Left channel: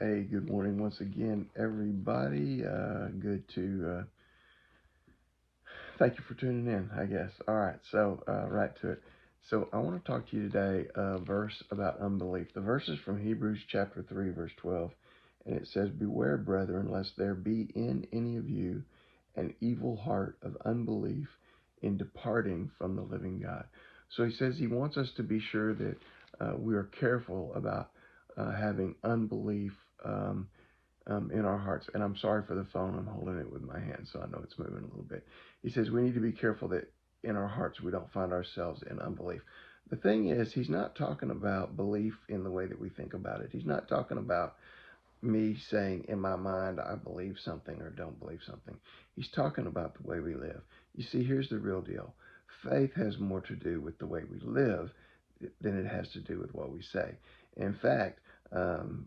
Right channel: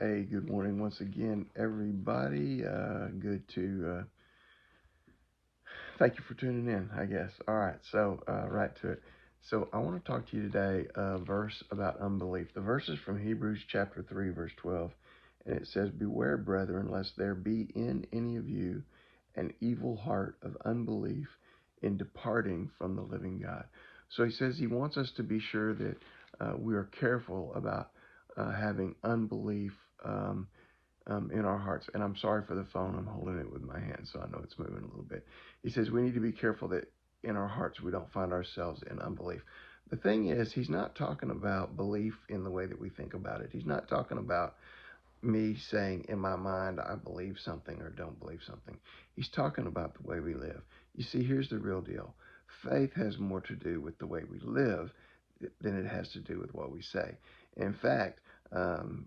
Hey, good morning once again, everybody. Good to thank you for tuning in, I guess. All right, so right to it. So I want to talk to you today a verse about unbelief. The verse is from Hebrews chapter 3, verse 12, and it says, "Beware, brethren, lest there be in any of you an evil heart of unbelief in departing from the living God." So he says he wants us to be sure that we are careful about having unbelief. In our hearts. And I'm sorry for the phone. I'm holding it with my hand, so I know it's moving a little bit. He says we need to be careful that in our hearts we don't find ourselves in unbelief. The thing is, he's not talking about belief in the way that we think about it. He's not talking about me saying in my mind I believe something or don't believe something. He's talking about the way we live. You see, here's the real deal. Faith has more to do with the way we live than it has to do with what we say. In fact, um,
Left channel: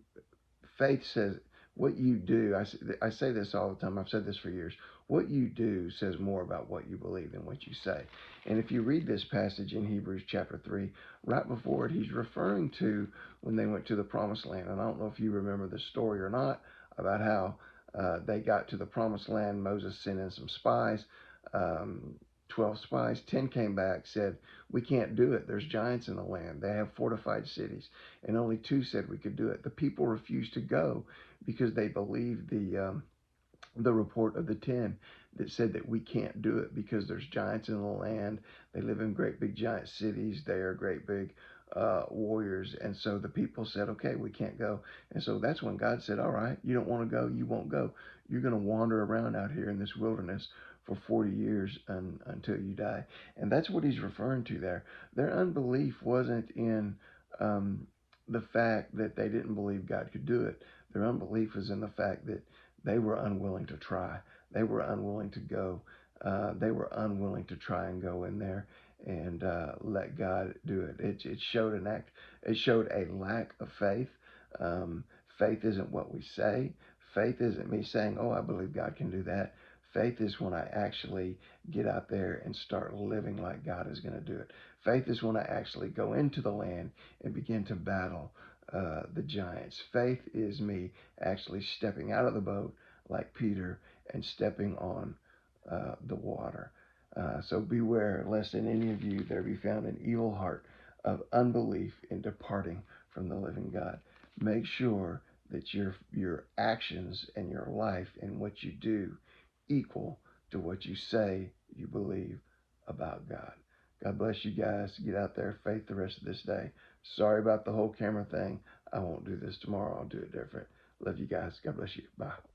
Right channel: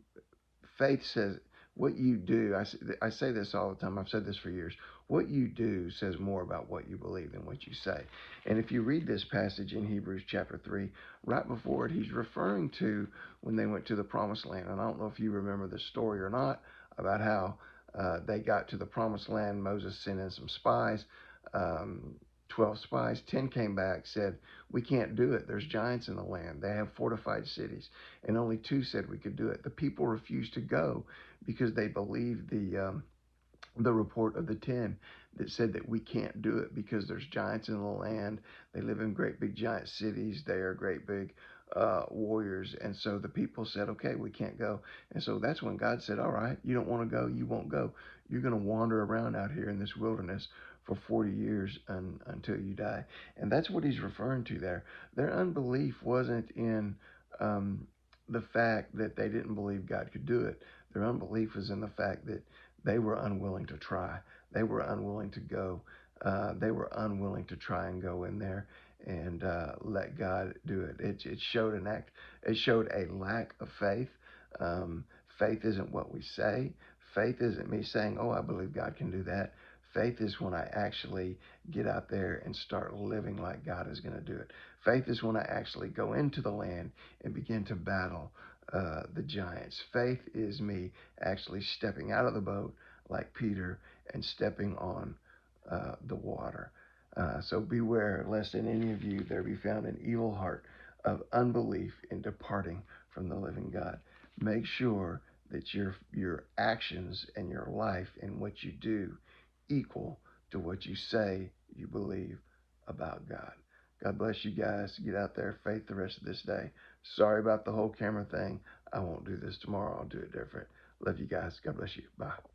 faith says what you do. I say this all the time. I've said this for years. What you do says more about what you believe than what you say. And if you read this passage in Hebrews chapter 3, right before it, he's referring to when they went to the promised land. And I don't know if you remember the story or not about how they got to the promised land. Moses sent in some spies. Um, 12 spies, 10 came back, said, "We can't do it. There's giants in the land. They have fortified cities." And only 2 said we could do it. The people refused to go because they believed the report of the 10 that said that we can't do it because there's giants in the land. They live in great big giant cities. They are great big warriors. And so the people said, okay, we can't go. And so that's when God said, all right, you don't want to go, you won't go. You're going to wander around out here in this wilderness for 40 years until you die. And that's what he's referring to there. Their unbelief wasn't in um, the fact that they didn't believe God could do it. Their unbelief was in the fact that they were unwilling to try. They were unwilling to go. They were unwilling to try and go in there and let God do it. It showed an act. It showed a lack of faith. Um, Faith isn't what we say. Faith isn't me saying, "Oh, I believe God can do that." Faith is when I actually get out there and start living like God is going to do it. Faith is when I actually go into the land and begin to battle the giants. Faith is me actually stepping out of the boat like Peter and stepping on the water. So beware lest in any of you there be found an evil heart of unbelief in departing from the living God. Make sure that your actions and your life and what you do equal to what you say you believe about God. God bless you guys. Get out there, faith the rest of this day. Sorry about the whole camera thing. I won't do this tomorrow. I'll do it different. Love you guys. God bless you. Bye.